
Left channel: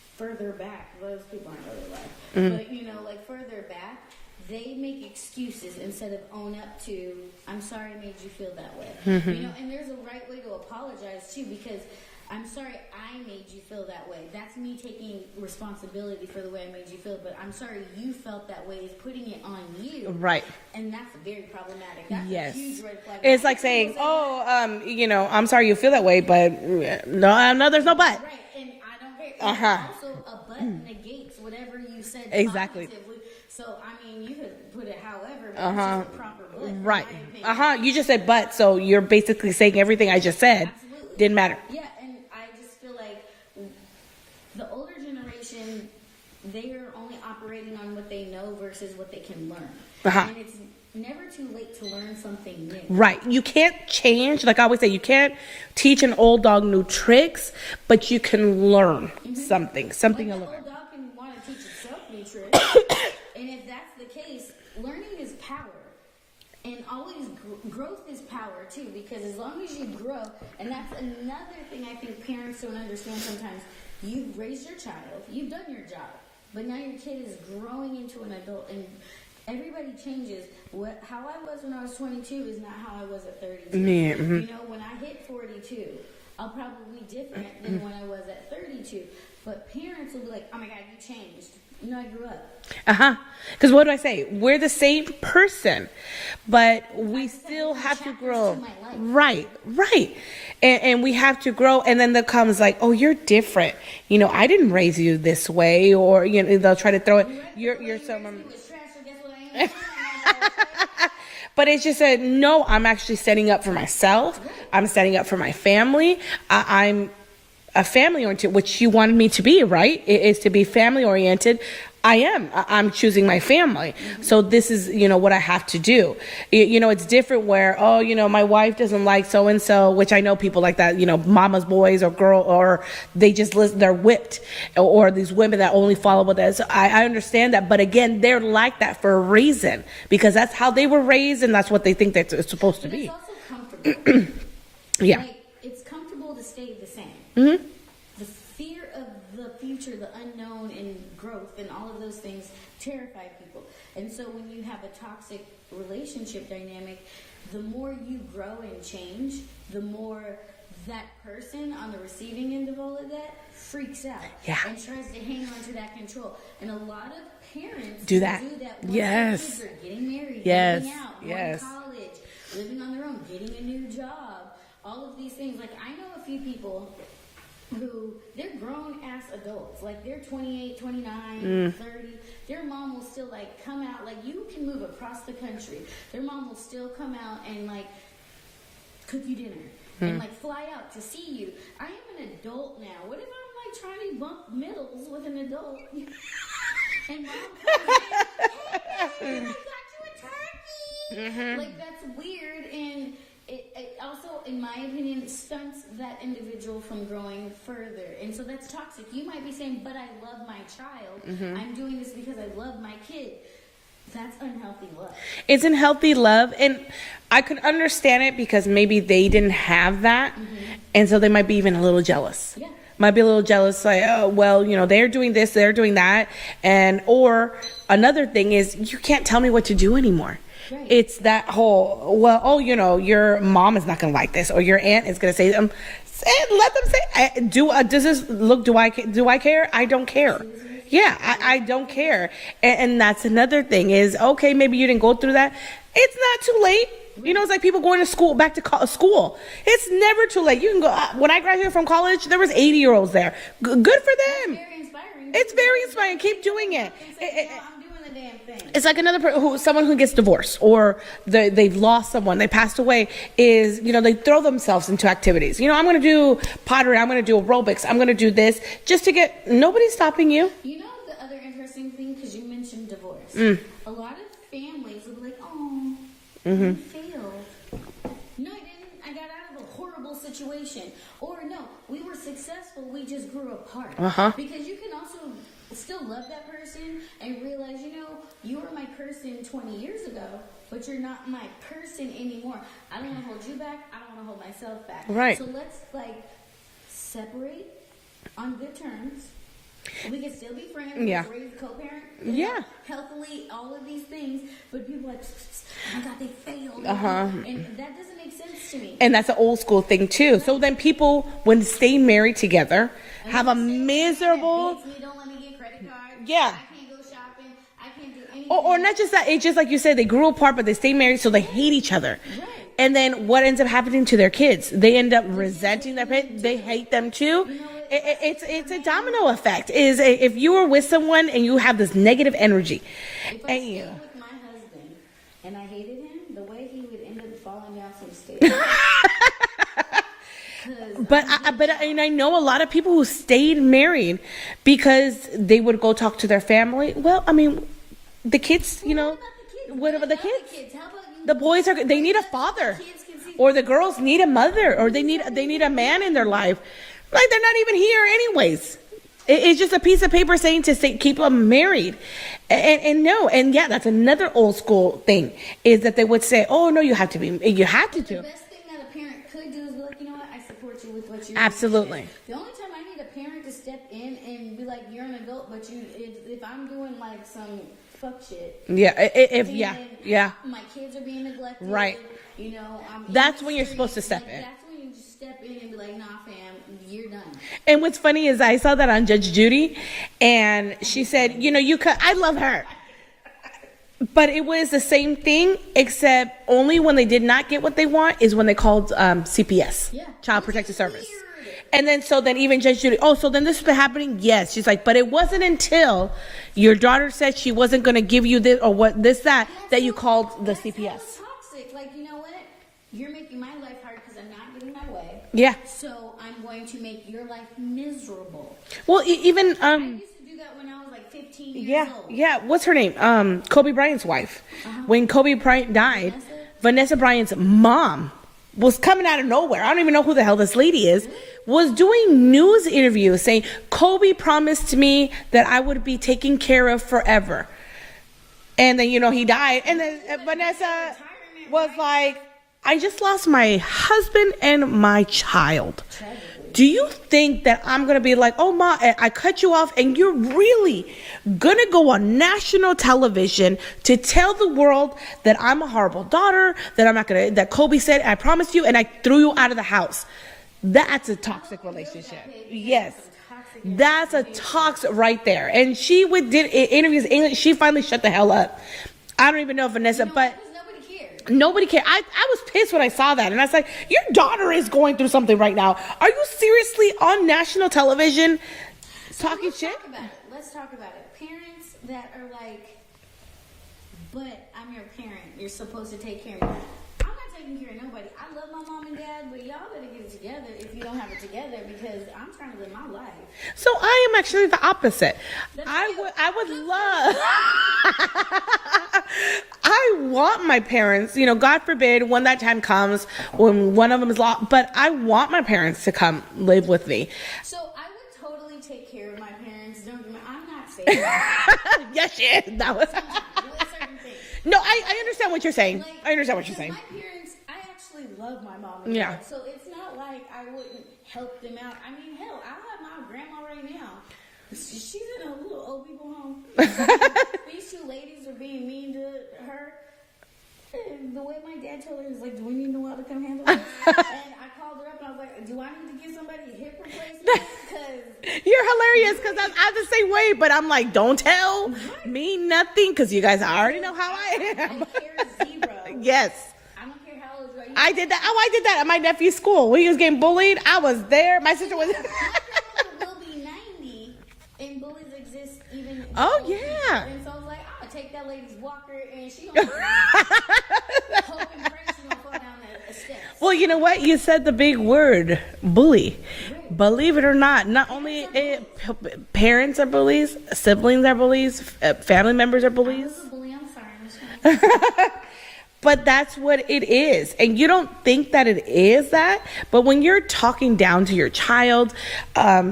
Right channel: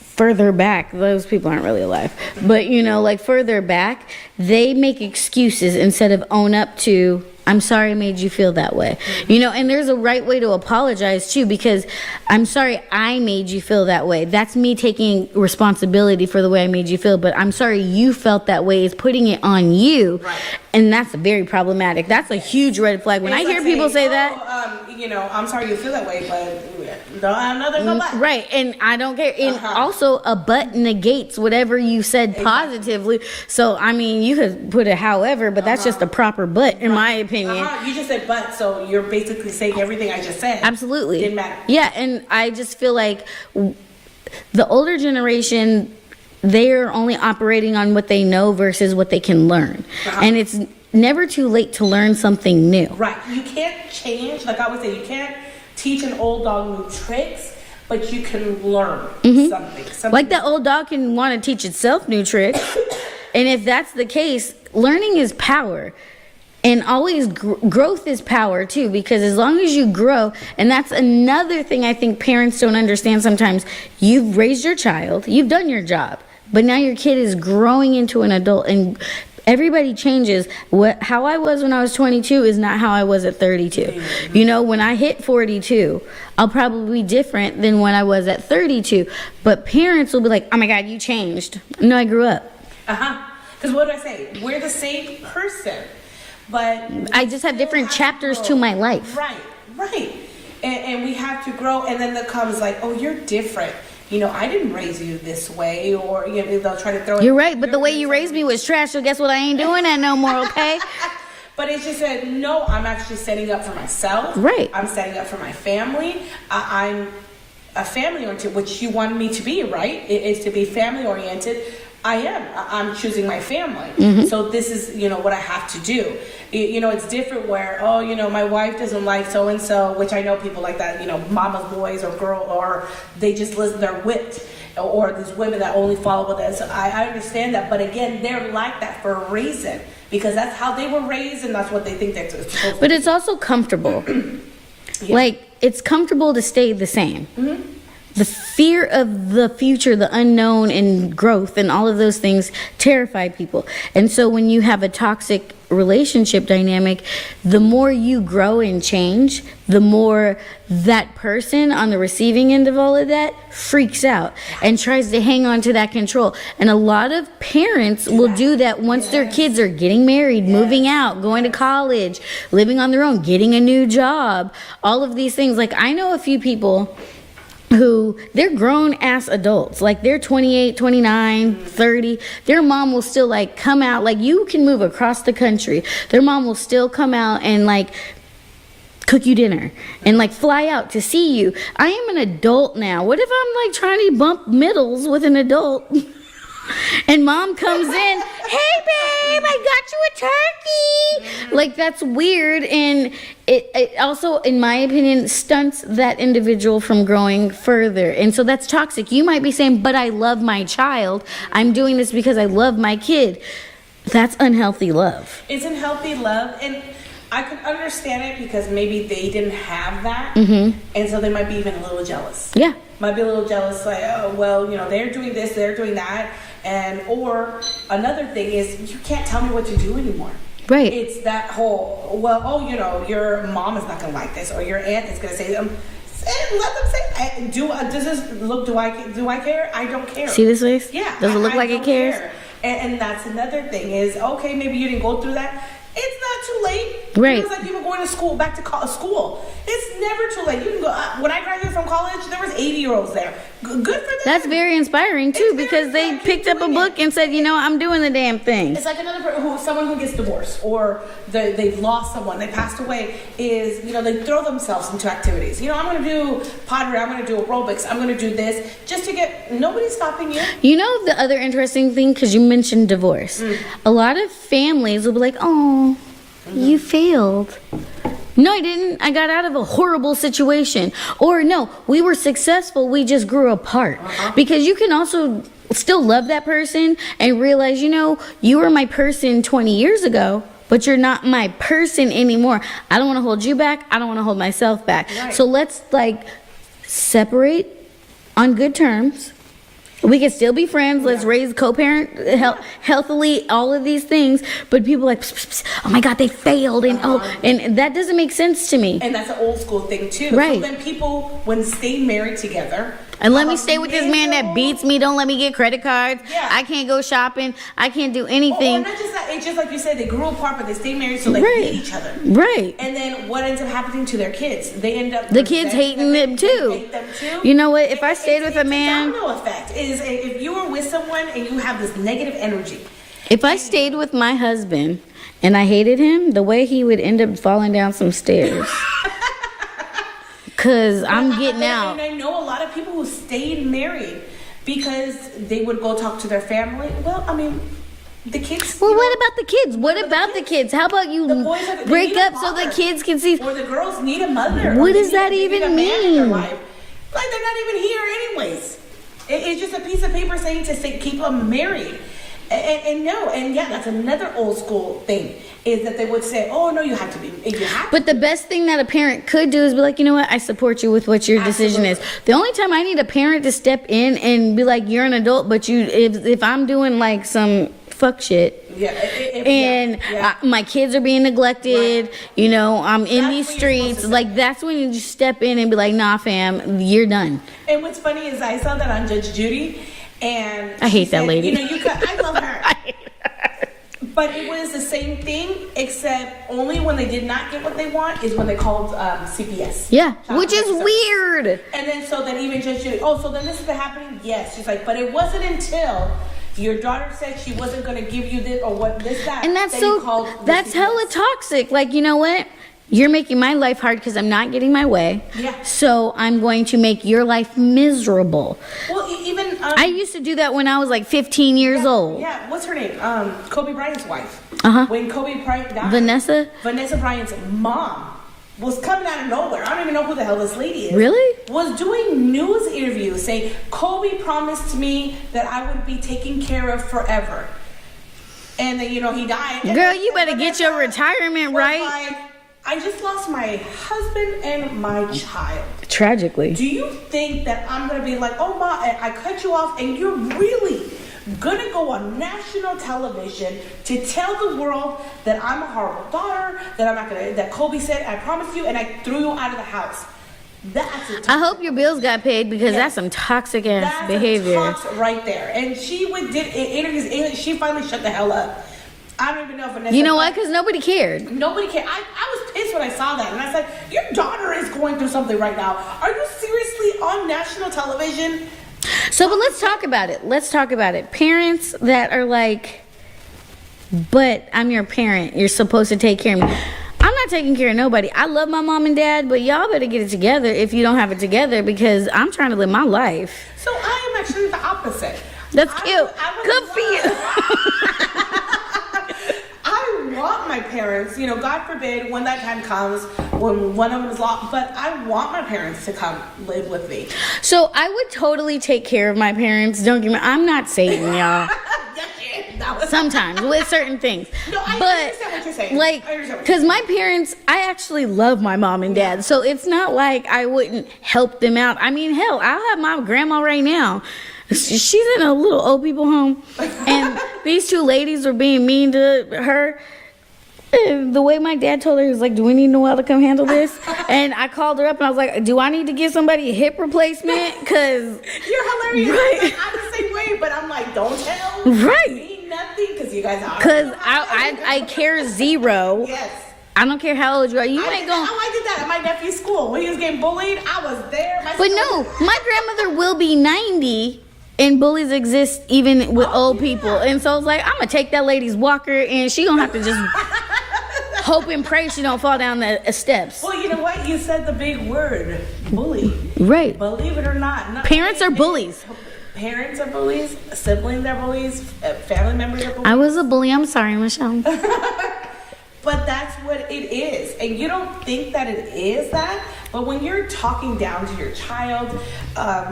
further back, those people aren't really alive, but further back, they make excuses instead of own up to I'm sorry I made you feel that way. You know, and there's a right way to apologize too, because I'm sorry I made you feel that way. That's me taking responsibility for the way I made you feel, but I'm sorry you felt that way is putting it on you. Right. And that's very problematic. That's a huge red flag. When I It's hear like people say saying, that. you know, I'm sorry you feel that way, but no, there's no but. Right, and I don't care. And also, a but negates whatever you said Exactly. positively. So, I mean, you could put it however, but that's just a proper but, in my opinion. You just said but, so you're basically saying everything I just said. Absolutely. Didn't matter. Yeah, and I just feel like the older generation, they're only operating on what they know versus what they can learn. And it's never too late to learn something new. Right. You can't change, like I always say, you can't teach an old dog new tricks, but you can learn something. Like that old dog can want to teach itself new tricks. And if that's the case, learning is power. And always growth is power too, because as long as you grow, and that's another thing I think parents don't understand sometimes. You've raised your child, you've done your job, but now your kid is growing into an adult, and everybody changes. How I was when I was 22 is not how I was at 32. You know, when I hit 42, I'll probably be different than when I was at 32. But parents will be like, oh my God, you changed. No, I grew up. Because what do I say? We're the same person, but I just have different chapters to my life. Right. And we have to grow. And then there comes like, oh, you're different. You know, I didn't raise you this way, or you know, they'll try to throw it. You're right, but the way you raised me was trash. So guess what? I ain't doing that no more. Okay. But it's just said, no, I'm actually setting up for myself. Right. I'm setting up for my family. I'm a family oriented, which you wanted me to be, right? It is to be family oriented. I am. I'm choosing my family. So this is, you know, what I have to do. You know, it's different where, oh, you know, my wife doesn't like so-and-so, which I know people like that, you know, mama's boys or girl, or they just listen, they're whipped, or these women that only follow what that. So I understand that. But again, they're like that for a reason, because that's how they were raised and that's what they think that it's supposed to be. But it's also comfortable. Like, it's comfortable to stay the same. The fear of the future, the unknown, and growth, and all of those things terrify people. And so when you have a toxic relationship dynamic, the more you grow and change, the more that person on the receiving end of all of that freaks out and tries to hang on to that control. And a lot of parents will do that once their kids are getting married, moving out, going to college, living on their own, getting a new job, all of these things. Like, I know a few people who, they're grown ass adults, like they're 28, 29, 30. Their mom will still like come out, like you can move across the country. Their mom will still come out and like cook you dinner and like fly out to see you. I am an adult now. What if I'm like trying to bump middles with an adult? And mom comes in, hey babe, I got you a turkey. Like, that's weird, and it also, in my opinion, stunts that individual from growing further. And so that's toxic. You might be saying, but I love my child. I'm doing this because I love my kid. That's unhealthy love. It's unhealthy love, and I could understand it because maybe they didn't have that, and so they might be even a little jealous. Yeah. Might be a little jealous, like, oh, well, you know, they're doing this, they're doing that, and or another thing is, you can't tell me what to do anymore. Right. It's that whole, well, oh, you know, your mom is not gonna like this, or your aunt is gonna say, let them say. Does this look? Do I care? I don't care. See this face? Yeah. Does it look I like don't it cares? care. And that's another thing is, okay, maybe you didn't go through that. It's not too late. Right. You know, it's like people going to school, back to school. It's never too late. You can go. When I graduated from college, there was 80-year-olds there. Good for them. That's very inspiring too, It's very because inspiring. they Keep picked up a doing book it. and said, you know, I'm doing the damn thing. It's like someone who gets divorced, or they've lost someone, they passed away, is, you know, they throw themselves into activities. You know, I'm going to do pottery, I'm going to do aerobics, I'm going to do this, just to get, nobody's stopping you. You know, the other interesting thing, because you mentioned divorce, a lot of families will be like, oh, you failed. No, I didn't. I got out of a horrible situation. Or no, we were successful. We just grew apart. Because you can also still love that person and realize, you know, you were my person 20 years ago, but you're not my person anymore. I don't want to hold you back. I don't want to hold myself back. Right. So let's like separate on good terms. We can still be friends. Let's Yeah. raise co-parent healthily, all of these things. But people like, "Psst, psst, oh my God, they failed. And and that doesn't make sense to me. And that's an old school thing too. So Right. then people, when stay married together, And let have me a stay with this man that miserable- beats me. Don't let me get credit cards. Yeah. I can't go shopping. I can't do Or anything. not just that, it's just like you said, they grew apart, but they stay married, so they Right. hate each other. Right. And then what ends up happening to their kids? They end up The kids resenting hating them too. They hate them too. You know what? If I stayed with a it's man- a domino effect. Is if you are with someone and you have this negative energy. If I stayed with my husband and I hated him, the way he would end up falling down some stairs. Because I'm getting out. And I know a lot of people who stayed married because they would go talk to their family. Well, I mean, the kids. Well, you know, what about the kids? What about the kids? How about you The boys are they break need a up so father. the kids can see? Or the girls need a mother. or What they does need, that they need even a man in their mean? life. Like they're not even here anyways. It's just a piece of paper saying to say, keep them married. And no, and yeah, that's another old school thing is that they would say, "Oh no, you have to be, you have." But to the best thing that a parent could do is be like, you know what? I support you with what your decision is. Absolutely. The only time I need a parent to step in and be like, you're an adult, but if I'm doing like some fuck shit. Yeah, And my kids are being neglected. Right. You know, I'm in That's these when you're supposed to streets. step Like in. that's when you just step in and be like, nah, fam, you're done. And what's funny is I saw that on Judge Judy, and I she hate that said, lady. You know, you could. I love her. But it was the same thing, except only when they did not get what they want is when they called CPS. Yeah, Child which is Protective Service. weird. And then even Judge Judy, oh, so then this has been happening? Yes. She's like, but it wasn't until your daughter said she wasn't going to give you this or what this, that, And that's that so you called the that's CPS. hella toxic. Like, you know what? You're making my life hard because I'm not getting my way. Yeah. So I'm going to make your life miserable. Well, even I used to do that when I was like 15 years old. Yeah, what's her name? Kobe Bryant's wife. Uh-huh. When Kobe Bryant died, Vanessa Bryant's mom was coming out of nowhere. I don't even know who the hell this lady is. Really? Was doing news interviews saying Kobe promised me that I would be taken care of forever. And then he died. And Girl, then- you better and get your Vanessa retirement was right. Like, I just lost my husband and my child. Tragically. Do you think that I'm gonna be like, oh ma, I cut you off, and you're really gonna go on national television to tell the world that I'm a horrible daughter, that I'm not gonna, that Kobe said I promised you, and I threw you out of the house? That's a toxic I hope your bills got paid because Yes. that's some toxic ass That's behavior. a toxic right there. And she did interviews in English. She finally shut the hell up. I don't even know if Vanessa. You know why? but- Because nobody cared. Nobody cared. I was pissed when I saw that. And I was like, your daughter is going through something right now. Are you seriously on national television? So, but let's talk about it. Let's talk about it. Parents that are like, but I'm your parent. You're supposed to take care of me. I'm not taking care of nobody. I love my mom and dad, but y'all better get it together if you don't have it together because I'm trying to live my life. So I am actually the opposite. That's I cute. would- I would Good for you. I want my parents, God forbid when that time comes, when one of them is lost, but I want my parents to come live with me. So I would totally take care of my parents. Don't get me. I'm not Satan, y'all. Yes, yeah, that was Sometimes with certain things. No, I understand what you're saying. Like, I understand what you're because saying. my parents, I actually love my mom and dad, Yeah. so it's not like I wouldn't help them out. I mean, hell, I'll have my grandma right now. She's in a little old people home, and these two ladies were being mean to her. And the way my dad told her, he was like, "Do we need Noelle to come handle this?" And I called her up and I was like, "Do I need to give somebody a hip replacement?" Because You're hilarious. Right. I'm the same way, but I'm like, don't tell Right. me nothing because you guys are. because I care zero. Yes. I don't care how old you are. You I ain't did gonna- that. Oh, I did that at my nephew's school. When he was getting bullied, I was there. My But sister no, was- my grandmother will be 90 and bullies exist even with Oh, old yeah. people. And so it's like, I'm going to take that lady's walker and she going to have to just hope and pray she don't fall down the steps. Well, you know what? You said the big word, bully. Right. Believe it or not, Parents are bullies. Parents are bullies. Siblings are bullies. Family members are bullies. I was a bully. I'm sorry, Michelle. But that's what it is. And you don't think that it is that. But when you're talking down to your child,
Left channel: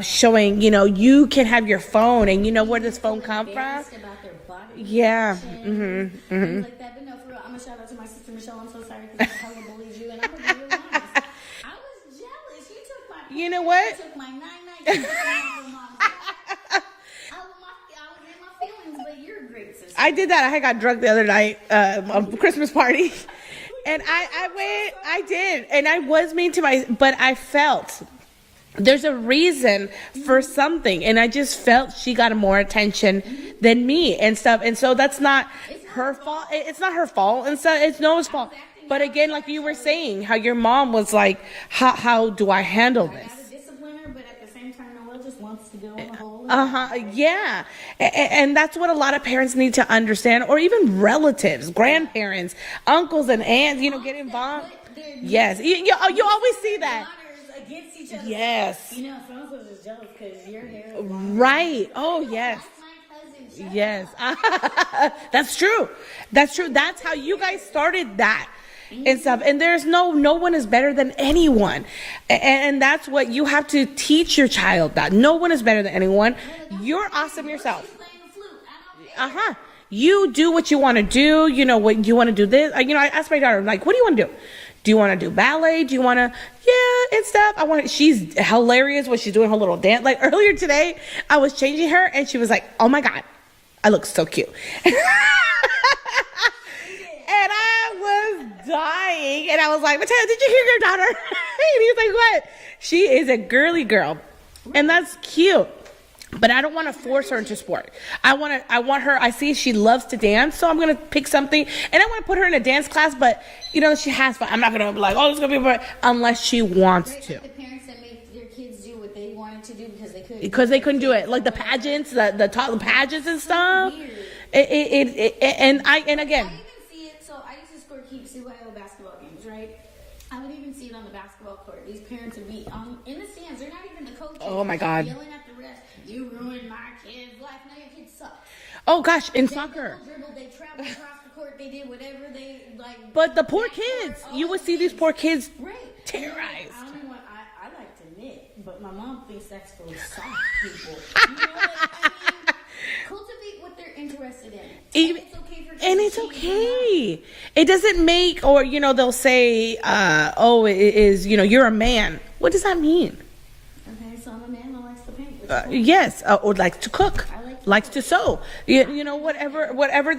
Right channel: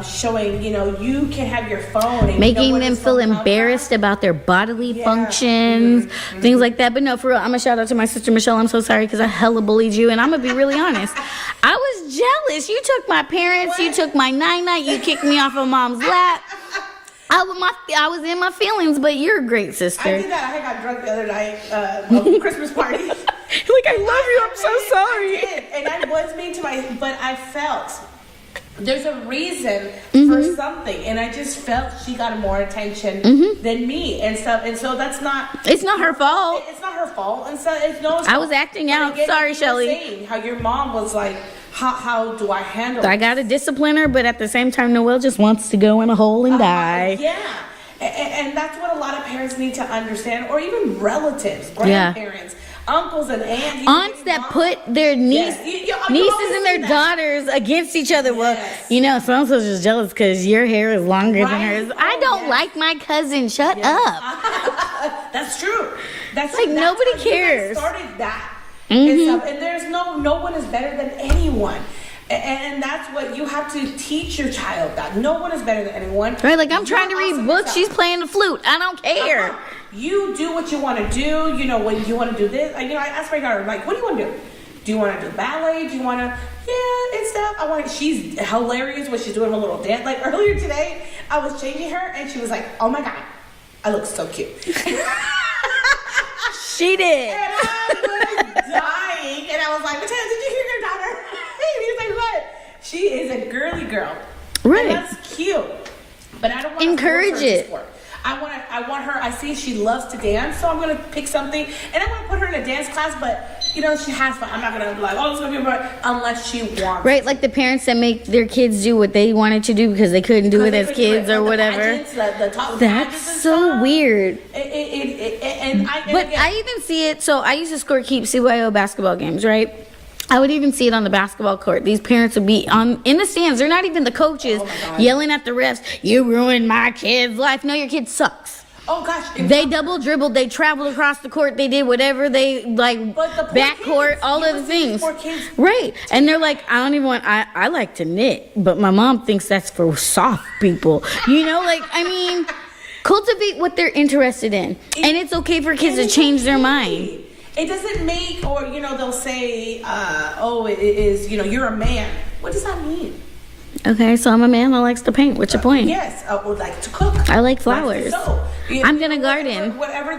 showing, you can have your phone and you know Making where them this feel phone comes embarrassed about their bodily Yeah. functions, things like that. But no, for real, I'm going to shout out to my sister Michelle. I'm so sorry because I hella bullied you. And I'm going to be really honest. I was jealous. You took my parents. You what? took my night-night. You kicked me off of mom's lap. I was in my feelings, but you're a great sister. I did that. I got drunk the other night on Christmas party. Like, I love you. I'm so sorry. I did, and I was mean to but I felt there's a reason for something, and I just felt she got more attention than me and stuff, and so that's not. It's not her fault. It's not her fault, and so it's Noah's fault. I was acting But out. again, like Sorry, you Shelly. were saying how your mom was like, how do I handle? I gotta discipline her, but at the same time, Noelle just wants to go in a hole and die. Yeah. And that's what a lot of parents need to understand, or even relatives, grandparents, uncles and aunts. Aunts that put their Yes. nieces You always and their see that. daughters against each other. Yes. Well, so-and-so's just jealous because your hair is longer Right. than hers. I Oh, don't yes. like my cousin. Shut Yes. up. That's true. That's true. Like, That's nobody how you guys cares. started that and stuff. And there's no one is better than anyone. And that's what you have to teach your child, that no one is better than anyone. Right, like I'm You're trying to read awesome books. yourself. She's playing the flute. I don't care. Uh-huh. You do what you want to do. You know, when you want to do this. I asked my daughter, like, what do you want to do? Do you want to do ballet? Do you want to, and stuff. She's hilarious when she's doing her little dance. Like earlier today, I was changing her and she was like, oh my God, I look so cute. She did. And I was dying. And I was like, Mateo, did you hear your daughter? And he was like, what? She is a girly girl. Right. And that's cute. But I don't want to force Encourage her to it. sport. I want her, I see she loves to dance, so I'm going to pick something. And I'm going to put her in a dance class, but, she has fun. I'm not going to be like, oh, it's going to be fun, unless she wants Right, to. like the parents that make their kids do what they wanted to do because they couldn't do it they as couldn't do kids it. or Like whatever. The pageants, the top That's pageants and so stuff. weird. And But again, I even see it. So I used to score keep CYO basketball games, right? I would even see it on the basketball court. These parents would be in the stands. They're not even the coaches Oh my God. yelling at the refs. You ruined my kid's life. No, your kid sucks. oh gosh. and They soccer. double dribbled. They traveled across the court. They did whatever they like. But the poor back court, kids. all You of would the see these things. poor kids Right, and they're like, I don't even want. I like to knit, but my mom thinks that's for soft people. Cultivate what they're interested in, and it's okay for kids to And it's change their okay. mind. It doesn't make, or they'll say, it is, you're a man. What does that mean? Okay, so I'm a man that likes to paint. What's your point? Yes, or like to cook. I like Likes flowers. to sew. I'm gonna garden. Whatever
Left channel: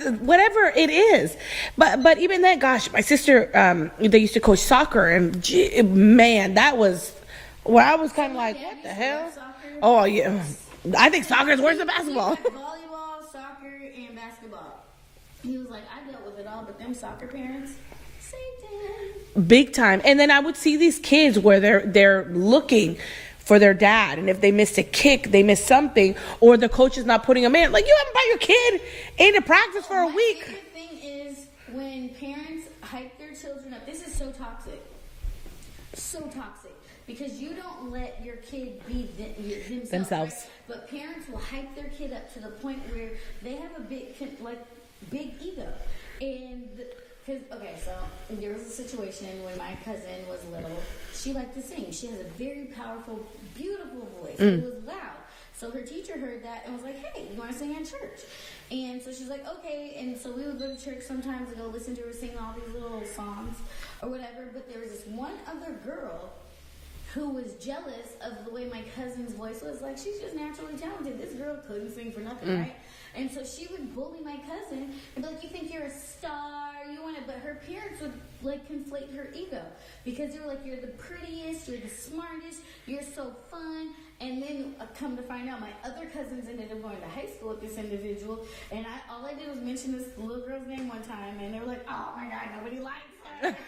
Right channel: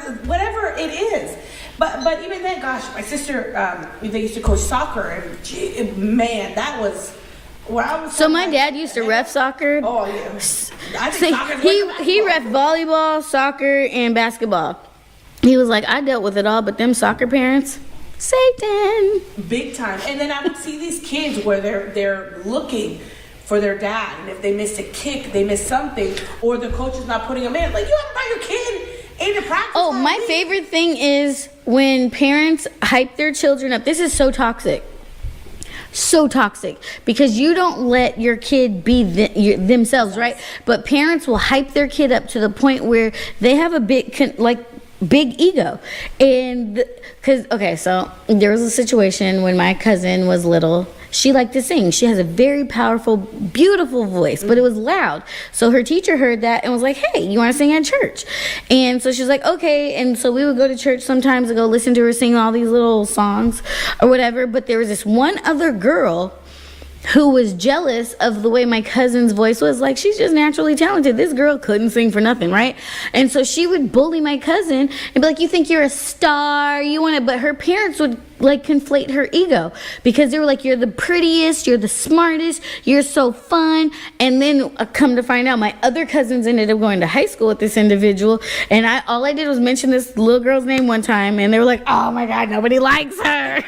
it is. But even then, gosh, my sister, they used to coach soccer, and man, that was. Well, I was So my like, dad what used the to hell? ref soccer. Oh yeah, I think So soccer's worse than basketball. he ref volleyball, soccer, and basketball. He was like, I dealt with it all, but them soccer parents, Satan. Big time. And then I would see these kids where they're looking for their dad, and if they missed a kick, they missed something, or the coach is not putting them in. Like, you haven't brought your kid into practice. Oh, for a my week. favorite thing is when parents hype their children up. This is so toxic. So toxic because you don't let your kid be themselves, right? But parents will hype their kid up to the point where they have a big ego. And so there was a situation when my cousin was little. She liked to sing. She has a very powerful, beautiful voice, but it was loud. So her teacher heard that and was like, hey, you want to sing at church? And so she was like, okay. And so we would go to church sometimes to go listen to her sing all these little songs or whatever. But there was this one other girl who was jealous of the way my cousin's voice was. Like, she's just naturally talented. This girl couldn't sing for nothing, right? And so she would bully my cousin and be like, you think you're a star, but her parents would like conflate her ego because they were like, you're the prettiest, you're the smartest, you're so fun. And then come to find out, my other cousins ended up going to high school with this individual, and all I did was mention this little girl's name one time, and they were like, oh my God, nobody likes her.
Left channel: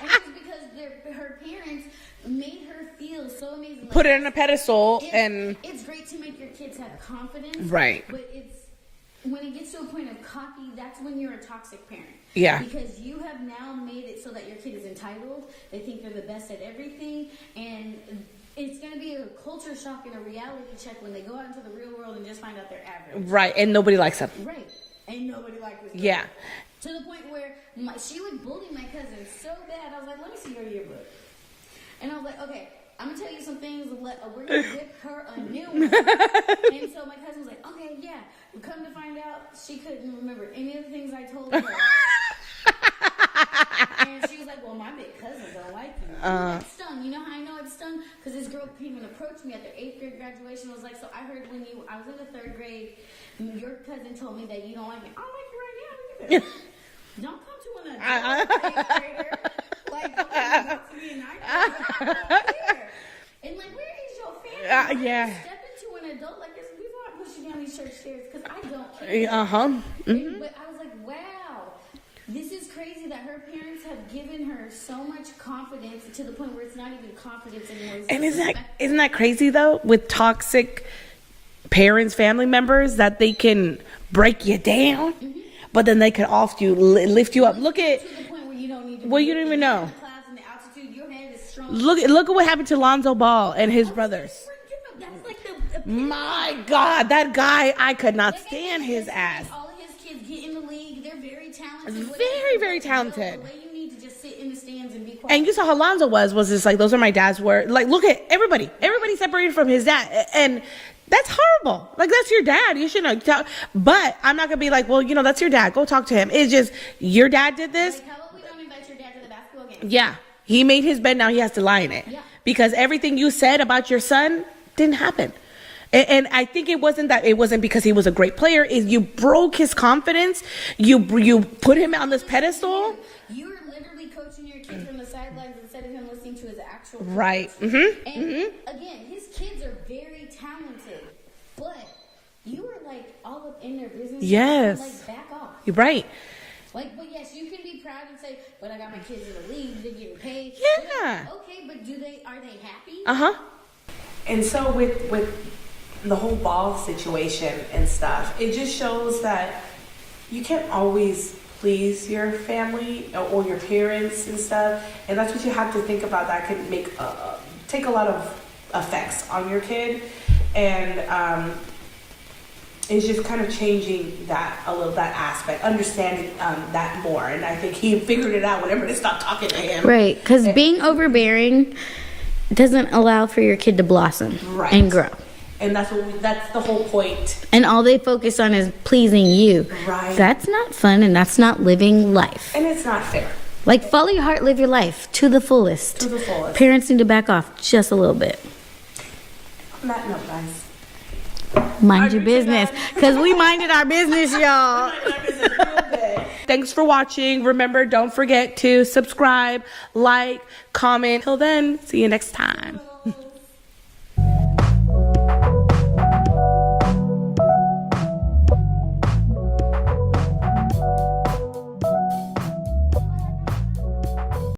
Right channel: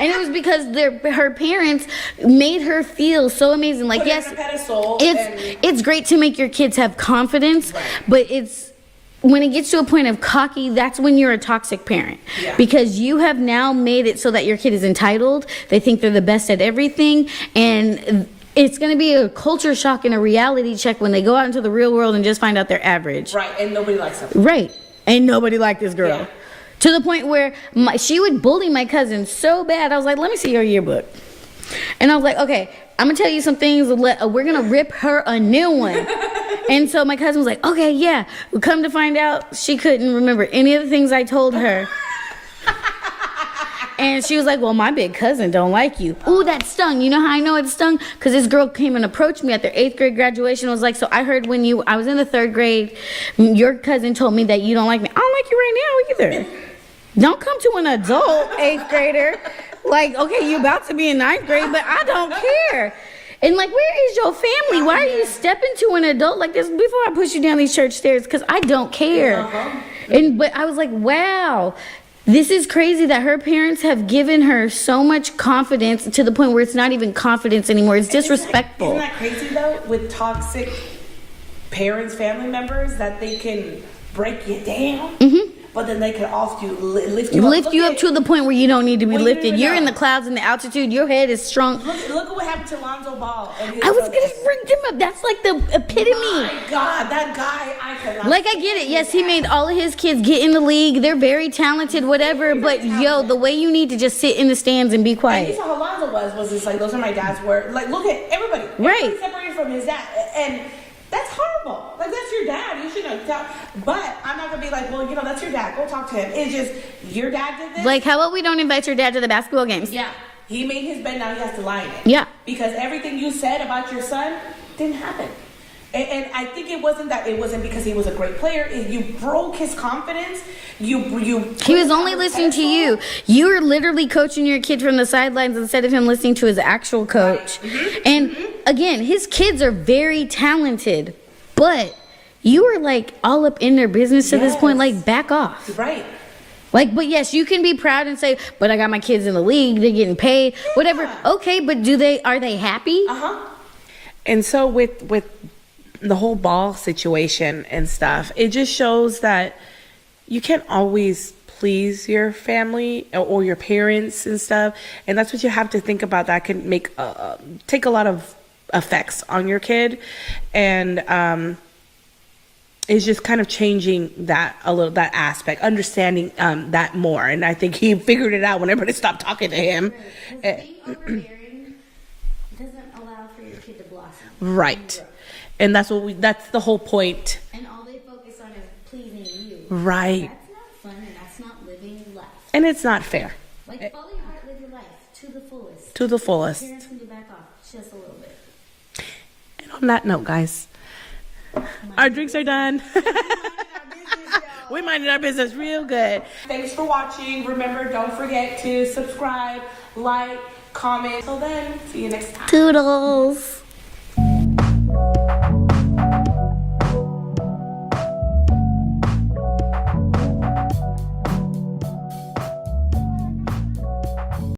And it was because her parents made her feel so amazing. Like, Put yes, her on a pedestal. it's great to make your kids have confidence, Right. but when it gets to a point of cocky, that's when you're a toxic parent. Yeah. Because you have now made it so that your kid is entitled. They think they're the best at everything, and it's going to be a culture shock and a reality check when they go out into the real world and just find out they're average. Right, and nobody likes them. Right. Ain't nobody like this girl. Yeah. To the point where she would bully my cousin so bad. I was like, let me see your yearbook. And I was like, okay, I'm going to tell you some things. We're going to rip her a new one. And so my cousin was like, okay, yeah. We come to find out she couldn't remember any of the things I told her. And she was like, well, my big cousin don't like you. Ooh, that stung. You know how I know it stung? Because this girl came and approached me at their 8th grade graduation. Was like, so I heard when I was in the 3rd grade, your cousin told me that you don't like me. I don't like you right now either. Don't come to an adult 8th grader. Like, okay, you about to be in 9th grade, but I don't care. And like, where is your family? Why are you stepping to an adult like this before I push you down these church stairs? Because I don't care. But I was like, wow, this is crazy that her parents have given her so much confidence to the point where it's not even confidence anymore. It's disrespectful. Isn't that crazy though? With toxic parents, family members, that they can break you down. But then they can lift you up to the point where you don't need to be lifted. You're in know. the clouds in the altitude. Your head is strong. Look at what happened to Lonzo Ball and his I was brothers. going to bring him up. That's like the epitome. My God, that guy, I could not. Like, I get it. Yes, he made all of his kids get in the league. They're very talented, whatever. Very But talented. the way you need to just sit in the stands and be quiet. And you saw how Lonzo was just like, those are my dad's words. Like, look at everybody. Everybody separated from his dad. And that's horrible. Like, that's your dad. You shouldn't tell. But I'm not going to be like, well, that's your dad. Go talk to him. It's just, your dad did this. Like, how about we don't invite your dad to the basketball games? Yeah. He made his bed. Now he has to lie in it. Yeah. Because everything you said about your son didn't happen. And I think it wasn't because he was a great player. You broke his confidence. You He was only listening to you. You were literally coaching your kid from the sidelines instead of him listening to his actual coach. Right. And again, his kids are very talented, but you were like all up in their business at this point. Like, back off. Right. Like, but yes, you can be proud and say, but I got my kids in the league. They're getting paid. Whatever. Okay, but are they happy? And so with the whole ball situation and stuff, it just shows that you can't always please your family or your parents and stuff, and that's what you have to think about. That could make take a lot of effects on your kid, and it's just kind of changing that a little, that aspect, understanding that more. And I think he figured it out whenever they stopped talking to him. Right, because being overbearing doesn't allow for your kid to blossom and grow. And that's the whole point. And all they focus on is pleasing you. Right. That's not fun, and that's not living life. And it's not fair. Like, follow your heart, live your life to the fullest. To the fullest. Parents need to back off just a little bit. And on that note, guys, mind your business. Because we minded our business, y'all. We minded our business real good. Thanks for watching. Remember, don't forget to subscribe, like, comment. Till then, see you next time. Toodles.